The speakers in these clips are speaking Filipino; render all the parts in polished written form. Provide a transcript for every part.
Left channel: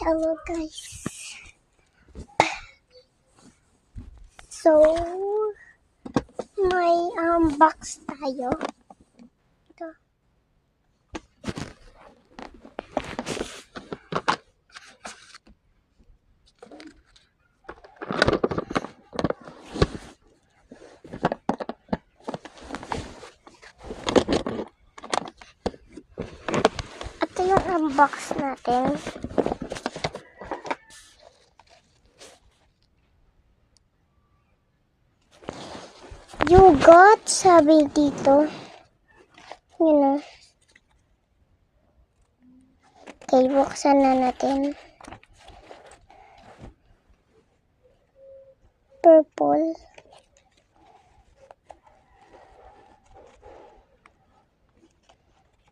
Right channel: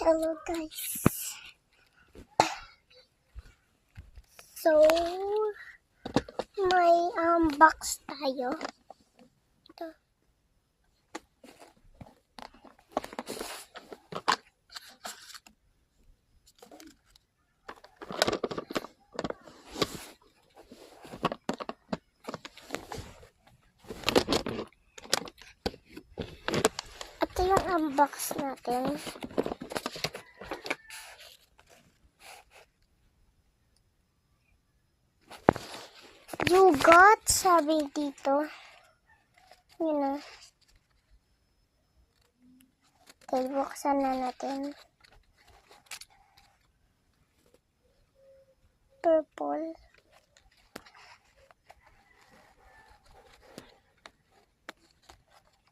Hello guys. So, may box tayo. Ito. Ito yung unbox natin. You got, sabi dito. Yun na. Okay, buksan na natin. Purple.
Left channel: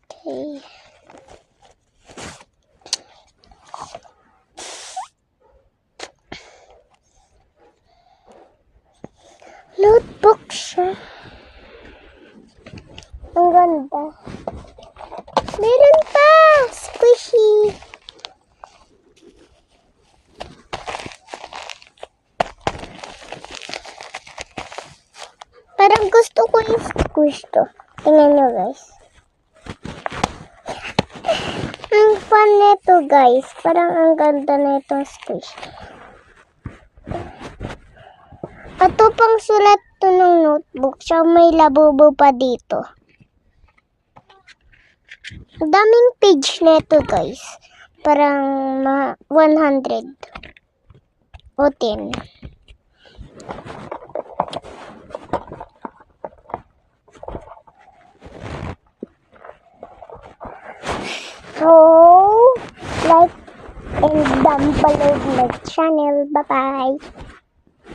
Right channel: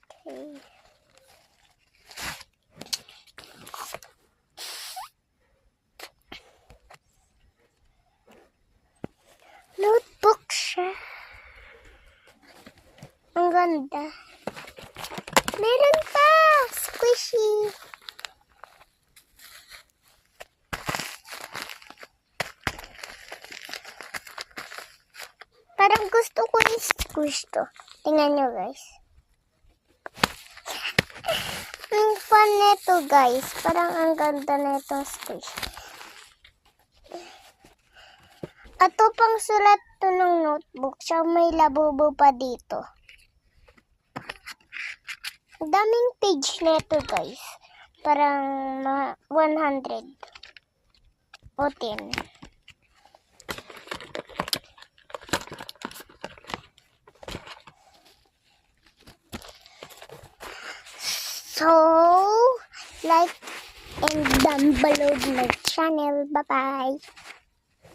Okay. Notebook siya. Ang ganda. Meron pa! Squishy! Parang gusto ko yung squish to. Tingnan nyo guys. Ang fun nito guys. Parang ang ganda na itong squish. Ito pang sulat to ng notebook. Siya may labubo pa dito. Ang daming page nito guys. Parang 100 o 10. So, like and down below my channel. Bye-bye.